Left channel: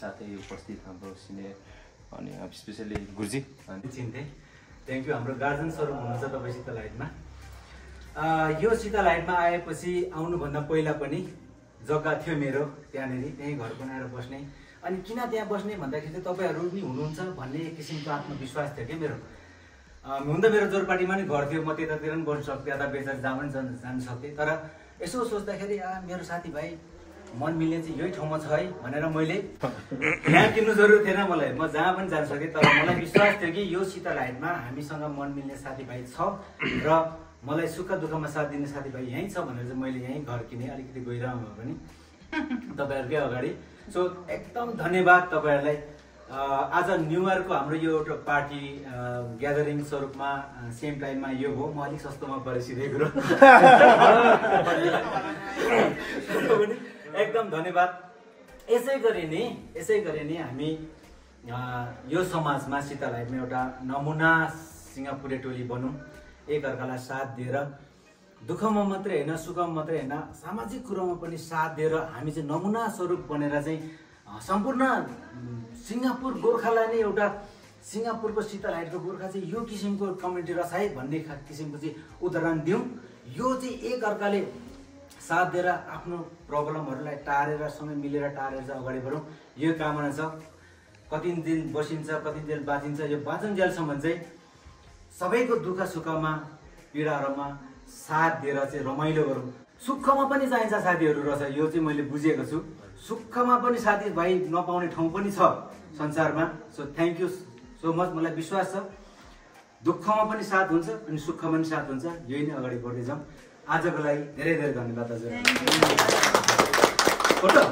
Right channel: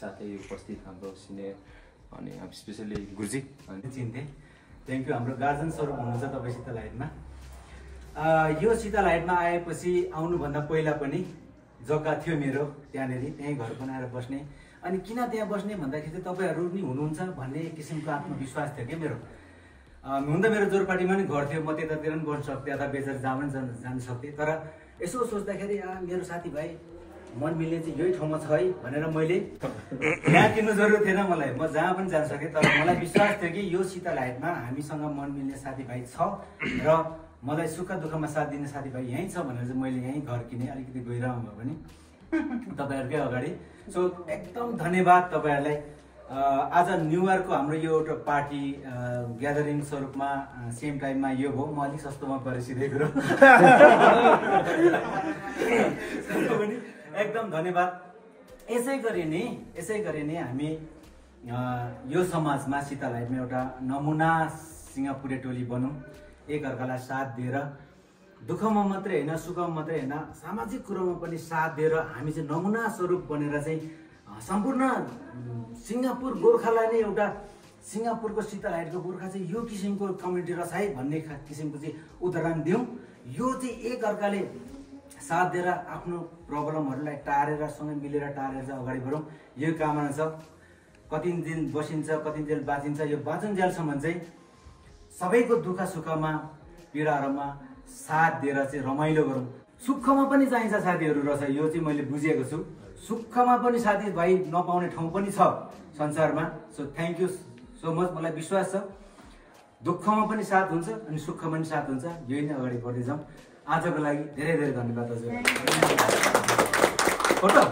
साथै उपस्थित हाम्रो सिनियर अनि स्पेसली गुरुजी चिन्थे थ्याङ्क यू। हाम्रो गार्जन स्वरूप हुनुहुन्छ तपाईँ शीतल हाइटमा। यो शीतल हाइटमा आएपछि आउनुभन्दा पहिला पनि जग्गा थियो मेरो त्यहाँनिर, त्यहीँ घर बनाएर बस्ने। अनि किन त्यहाँ बस्ने भन्दाखेरि चाहिँ तपाईँहरू नि हुनुहुन्छ भन्ने एक किसिमको आत्मविश्वास थियो क्या मेरो। हुन त मेरो जोरपाटीमा नि घर थियो, म त्यतातिर पनि बस्न सक्थेँ, यता बेचेर जहाँ पनि जान सक्थेँ। तर यसो सोच्दाखेरि मेरो साथीभाइ मन मिल्ने चाहिँ यही ठाउँमा छ है भनेर मैले यहाँ किन्नु जरुरत थिएन मलाई, म जहाँ पनि जान सकेँ। तर मलाई विश्वास थियो कि यो शीतल हाइटमा हामीसँग मन मिल्ने साथीभाइ छ र मलाई सुख दुःखमा साथ दिने साथीभाइ यहीँ छ भनेर चाहिँ मैले यहीँ घर किनेँ, अलिकति गहिरोमा भए पनि तपाईँहरूकै अगाडि। सो एकदम धन्यवाद तपाईँहरूलाई। आज न्यु इयरको हाम्रो यो एउटा पार्टी ग्यादरिङ स्वरूपमा सेम टाइममा यो हो। म अलिक सस्तोमा परेँ सिधै कुरो एकदम धन्यवाद। यसै गरी नै हामी यो समाजमा शीतल हाइटमा एउटा नमुना सिङ्गापुरे टोली बनौँ, एकअर्कालाई साथ दिएर दुःखमा मात्रै होइन सुखमा मात्रै होइन सामाजिक कुरोमा पनि साथ दिएर हामी चाहिँ नमुना स्वरूप बनेर चाहिँ सम्पूर्ण सिङ्गापुर गोर्खालाई नै एउटा सिङ्गापुरको शीतल हाइटको गोर्खा चाहिँ यो किसिमको कम्युनिटी रहेछ है भन्ने किसिमको चाहिँ उदाहरण दिउँ। यो चाहिँ एकअर्काले साथ दिएर आफ्नो प्रब्लमहरूलाई टारेर सँगै मिलेर टारेर चाहिँ अगाडि बढौँ, यो कामना छ। कति दिन बसिन्छ, कति दिन बाँचिन्छ, यो बाँचुन्जेलसम्म चाहिँ सबैको दुःख सुखमा पीडाहरूमा साथ दिएर चाहिँ रमाइलो गरौँ। सुखमा पनि चाहिन्छ साथीहरू रहेछ, यो चाहिँ मैले बुझेको छु। सुखमा पनि साथीभाइ नपाउने ठाउँ पनि छ संसारमा। So thank you so much. मलाई विश्वास छ दुःखमा पनि साथ हुन्छ अनि सुखमा पनि साथ हुन्छ, यही नै अगाडि बढ्दै जाउँ। आजको लागि धेरै धेरै धन्यवाद हजुर। फोटो